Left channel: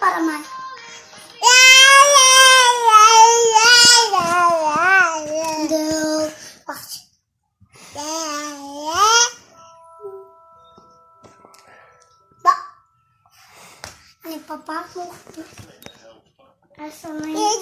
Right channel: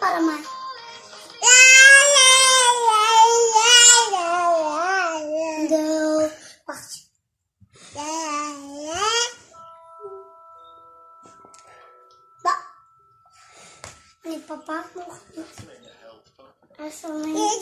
para más. De wacht. Ba. Nee, papa mocht niet. Als er maar